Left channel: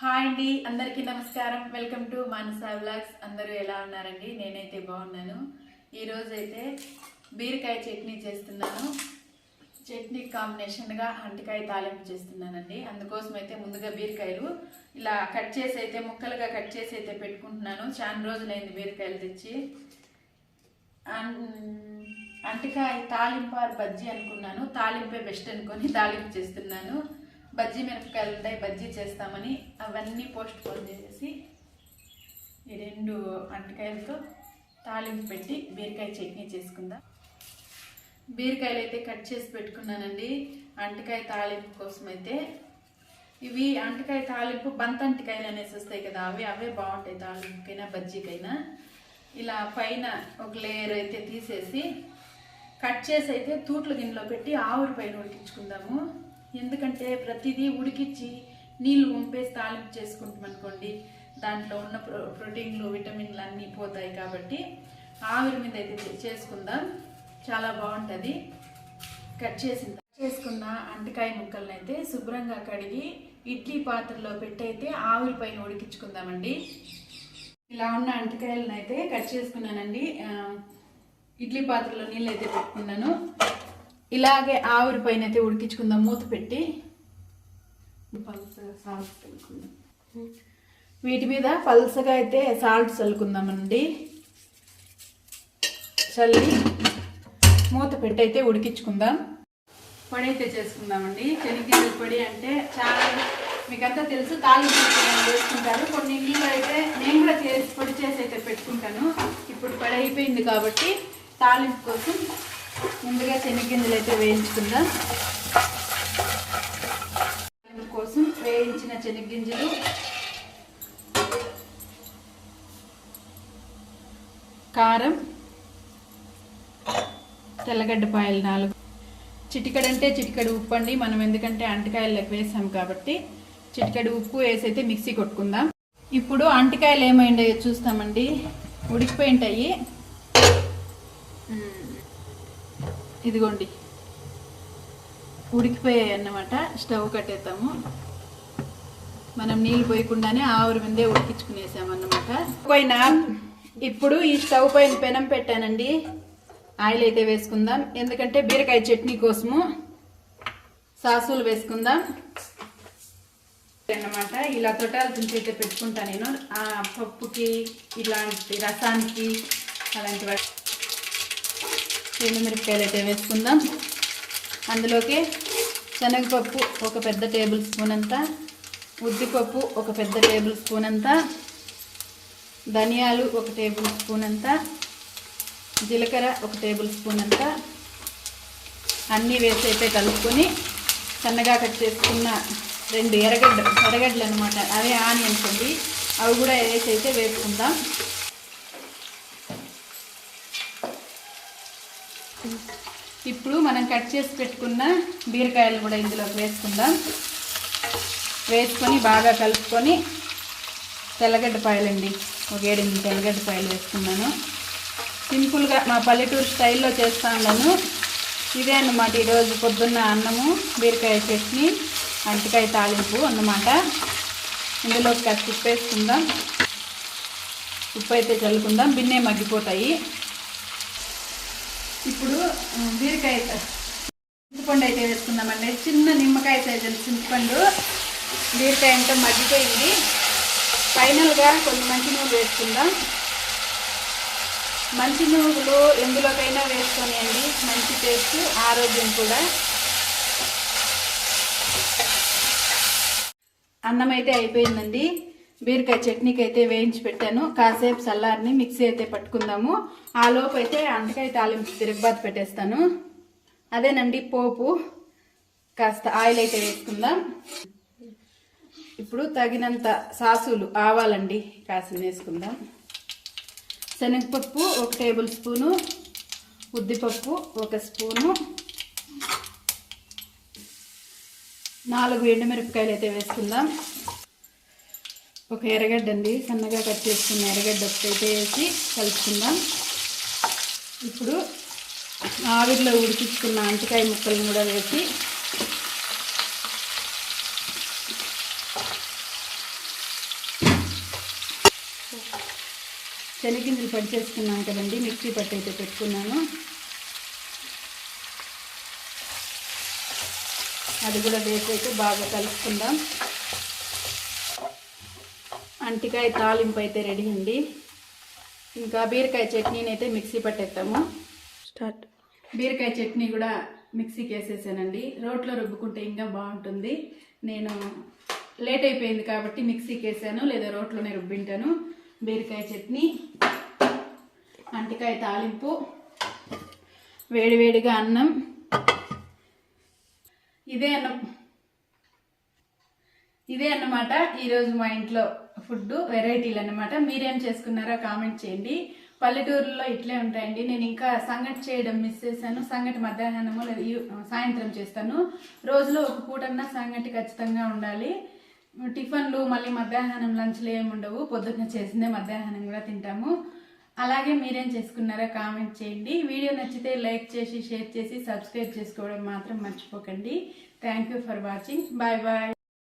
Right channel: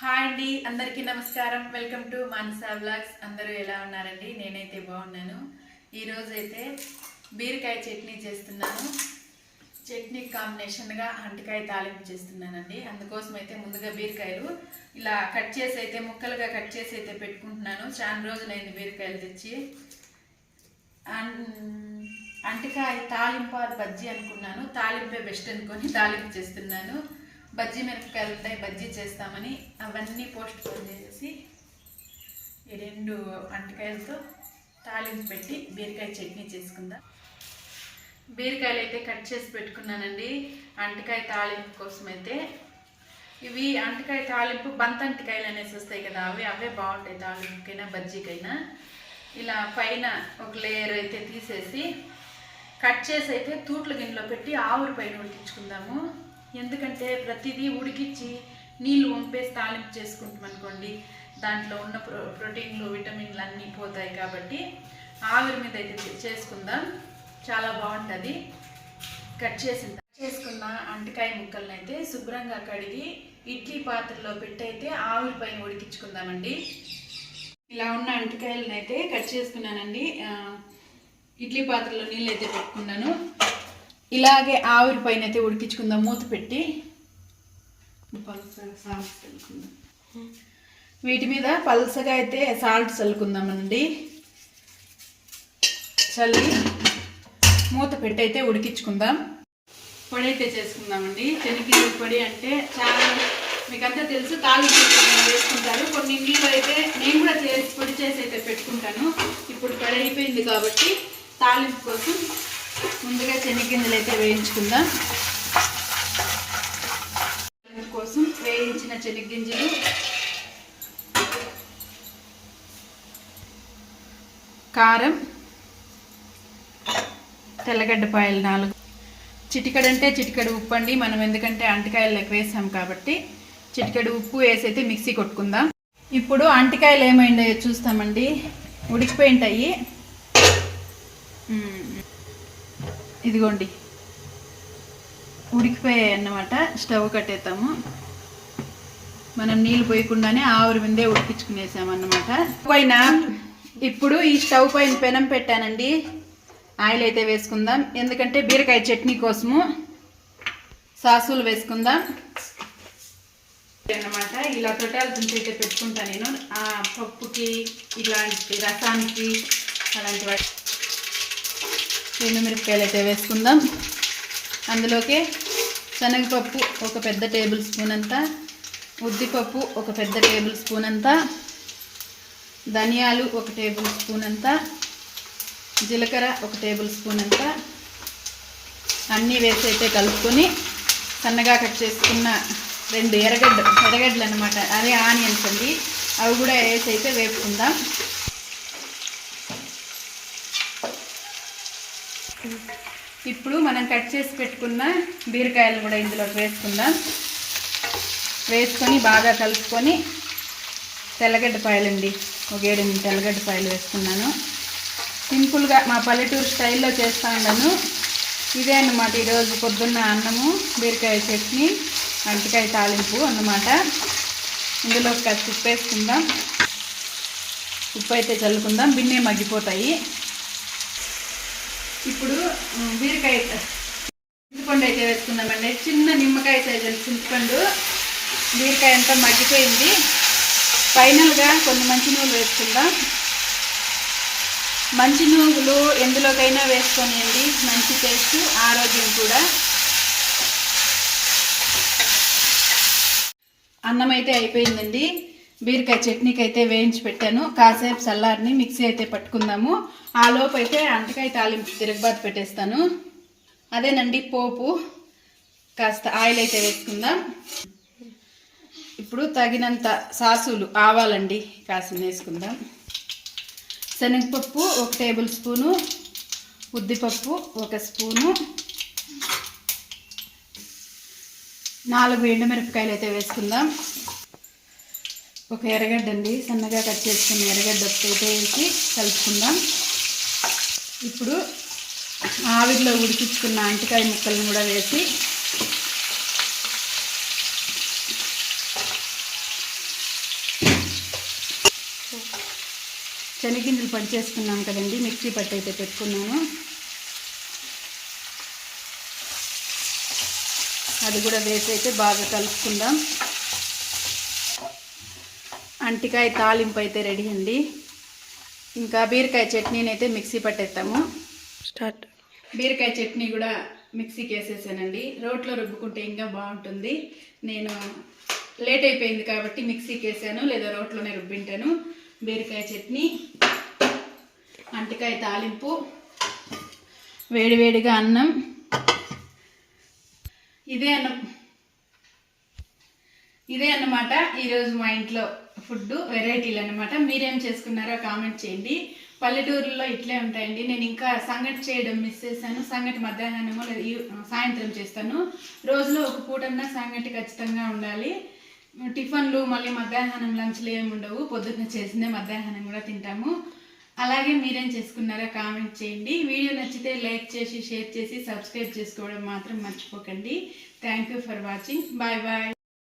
Hi అండి అందరికీ నమస్కారం. వెల్కమ్ టు మానసా బ్లాగ్స్ అందరూ ఎలా ఉన్నారండి? నేనైతే బాగున్నాను. ఈరోజు అయితే బీరకాయ చట్నీ చేస్తున్నాను. చట్నీ కాంబినేషన్గా అంటికాయ తాలింపు చేస్తున్నానండి. అందుకోసం అయితే ముందుగా బీరకాయలు ఇలా కట్ చేసి అయితే ముక్కలుగా కట్ చేసి అయితే పెట్టుకుంటున్నాను. చాలా రోజులైంది బీరకాయలు తెచ్చి. అంటికాయ తాలింపు ఆర్ బజ్జీ అనుకున్నాను. తాలింపే బెస్ట్ అనుకొని తాలింపు చేస్తున్నాను. బజ్జీ మిరపకాయలు ఉంటాయి బజ్జీ చేస్తామని అవన్నీ పోస్ట్ పోన్ చేసేసి ఈ రెండు అంటకాయలతో తాలింపు పెట్టి బీరకాయ చట్నీ చేసుకుందాం. బీరకాయలు అయితే కట్ చేసి పెట్టుకున్నానండి. అంటకాయ తాలింపు కోసం అయితే ఇవి అంటకాయ తాలింపు బంతంటికాయలు అనేసి వస్తాయి కదా అవి అవే బాగుంటాయి తాలింపుకైనా బజ్జీకైనా. ఇలా పైన ఒక లేయర్ అయితే తీసేసి కట్ చేసి అయితే తూట్ల గిన్నెలో పెట్టి ఆవురు పైన ఉడికించుకుందాము. ఎందుకంటే ప్రతిదీ ఉడికించి నీళ్ళు వంపేసి తాలింపు చేసుకుంటాం అనుకోండి దాంట్లో ఉన్న ప్రో ప్రోటీన్లు విటమిన్లు అన్నీ పోతాయి కాబట్టి ఆవిరి మీద అయితే చేసుకుందాం. చాలా బాగుంటుంది. కట్ చేసిన చేసుకున్న అంటికాయ ముక్కలను అయితే శుభ్రంగా కడిగి ఇడ్లీ పాత్రలో పెట్టయితే ఆవిరి పైన ఉడికించుకుందామండి. ఇలా ఉన్న అంటకాయలను అయితే కట్ చేసుకున్నానండి. ఇడ్లీ పాత్రలో నీళ్ళు అయితే పెట్టుకున్నాను. ఇలాగే ఆవిరి పైన అయితే ఉడికించుకుందాం మూత పెట్టి. పల్సగా సాల్ట్ చల్లుకుందాం. వీటి మీద పల్సగా అయితే సాల్ట్ చల్లుకుందామండి. చల్లి మూత పెట్టి అయితే ఉడికించుకుందాం. పొడి అయితే చేసుకుందామండి. శనగగింజల పొడి అంటే చాలా మీకంతా తెలుసు తాలింపు వేసుకుంటారు కొన్ని నీళ్ళు అయితే నేను కూడా చేసి పొడి చేసి అయితే పెట్టుకుంటాను. ఇప్పుడు పొడి అయిపోయింది కాబట్టి తాలింపు కోసం ముందుగా శనగగింజలు అయితే వేయించుకుందాం. కోసం వేయించిన శనగగింజలు. కారం. తెల్లగడ్డపాయలు నాలుగు. చిటికడంటే చిటికడు ఉప్పు అండి. మనం ఎందుకంటే అంటికాయలకు వేసాం కాబట్టి చిటికడు ఉప్పు వేసైతే మిక్సీ కొట్టుకుందాం. ఇప్పుడు అంటికాయలు ఏమైందో చూస్తామండి. ఉడికిపోయింటాయి. ఇదిగోండి. ఉడికిపోయాయి అన్నమాట. స్టవ్ కట్టేస్తాము మనం నీళ్ళు పోయకుండానే ఆవిరి ముందే ఉడికించుకునేసామన్నమాట. పైన ఇప్పుడు ఈ స్టవ్ పైన పెనం పెట్టానండి. ఆయిల్ అయితే వేసుకుందాం. ఎందుకంటే బీరకాయ చట్నీ కోసము సాసులు వేసుకుందాం. అన్నమాట. ఇలా తొటాలు తుంచి అయితే పెట్టుకుంటాను నేను. ఆ పప్పుకి ఇలాంటి రసానికి అలాంటి వాటి మిరపకాయలు అయితే వేసుకుందాం. అందులోకి శనగపప్పు ఒక పెద్ద టేబుల్ స్పూన్ అంతా ఉద్దిపప్పు ఒక పెద్ద టేబుల్ స్పూన్ అంతా ధనియాలు ఒక టేబుల్ స్పూన్ అంతా జీలకర్ర ఒక టేబుల్ స్పూన్ అంత. అన్నీ వేసి అయితే కలుపుకొని సన్నగా కట్ చేసుకున్న రెండు ఎర్రగడ్డ ఎర్రగడ్డలు అనమాట అదే ఆనియన్స్ అండి. అవి కూడా వేసి అయితే వేపుకుందాం. ఇప్పుడు మనం కట్ చేసి పెట్టుకున్న బీరకాయలు కూడా ఇందులోకి వేసుకుందాం. వేసుకొని బాగా కలుపుకొని తెల్లగడ్డపాయలండి. ఒక ఏడెనిమిది తెల్లగడ్డపాయలు వేసుకున్నాను. సింపుల్గా మా పల్లెటూరు స్టైల్లో చేస్తా ఉన్నాను. ఇదే అన్నమాట ఈరోజు పొద్దున్న అన్నము బీరకాయ చట్నీ అంటికాయ తాలింపు అన్నమాట. ఇందులో కాస్త ఉప్పు వేసుకుందాం. ఉప్పు అయితే చల్లుకుందాం. బిన్నే మగ్గిపోతాయి. ఇప్పుడు బీరకాయ చింతపండు అయితే వేసుకుందామండి. చిన్న నిమ్మకాయ సైజు చింతపండు బీరకాయ అంతా మగ్గిపోయింది. ఫైనల్గా కొన్ని మంచి నూనెలు వేసుకుందాం. మంచి నువ్వులు ఎందులోకైనా వేసుకొనియండి. మంచి టేస్ట్ ఆరోగ్యం కూడా. అన్నం అయితే అయిపోయిందండి. బీరకాయ చట్నీకి అయితే వేయించి పెట్టాను. కాసేపు చల్లారిని మిక్సీ అయితే పట్టుకుందాము. ఆ లోపు అయితే అంటకాయ తాలింపు తిరగబాతు పెట్టేస్తాను. అదేనండి పోపు. కాస్త ఆయిల్ అయితే వేసుకుందాం. ఇప్పుడు తగినంత సాసులు ఆవాలండి కాసిన వేసుకుందాం. శనగపప్పు ఒక టేబుల్ స్పూను ఉద్దిపప్పు ఒక స్పూను నాలుగు ఎండుమిరపకాయలు అయితే వేసుకుందాం. ఒక ఎర్రగడ్డ అండి సన్నగా కట్ చేసుకున్న ఎర్రగడ్డ ఒకటి వేసి కలుపుకుందాం. ఇప్పుడు ఆవిరిలో ఉడికించుకున్న అంటికాయ ముక్కలు కూడా వేసి చలిగింజలు పడి చేసుకున్నాం కదండి మిక్సీ పట్టు అయితే పెట్టుకున్నాను. అది కూడా వేసి అయితే బాగా కలుపుకుందాం. అంటికాయ తాలింపు అయితే రెడీ అండి. ఇంకా బీరకాయ చట్నీని అయితే మిక్సీ పట్టేస్తాము. స్టార్ట్. బీరకాయ చట్నీ కూడా మిక్సీకి వేసేసానండి. రోట్లో రుబ్బుకుంటే ఇంకా బాగుంటుంది. నేను లేట్ అయిపోయింది కాబట్టి మిక్సీకి వేసాను లేదా రోట్లోనే రుబ్బింటాను. బీరకాయ చట్నీ అంటికాయ తాలింపు వేడివేడిగా అన్నం. ఇదే అన్నం. ఇదే అన్నమాట ఈరోజు మా ఇంట్లో ఫుడ్ వెరైటీలు అన్నమాట. మీరేం చేసుకున్నారో కామెంట్ చేయండి. పల్లెటూరులో ఇట్లే ఉంటాయండి. నేను ఇంకా సంగటి చేయడం మిస్ చేశాను. సంగటి మధ్యాహ్నము సాయంత్రం చేస్తాను. రోజులో ఒక పూటన్నా సంగటి ఖచ్చితంగా ఉండాలి. టిఫిన్లు మళ్ళీ మధ్యాహ్నం లంచ్లు ఏమి ఉండవు. పొద్దున్న చేసిందే మధ్యాహ్నం కూడా తింటాము. అలాగే మీరేం చేసుకున్నారో కామెంట్ చేయండి. వీడియో నచ్చితే లైక్ చేసి షేర్ చేసి సబ్స్క్రైబ్ చేసుకోవడం మాత్రం మర్చిపోకండి. Thank you for watching bye bye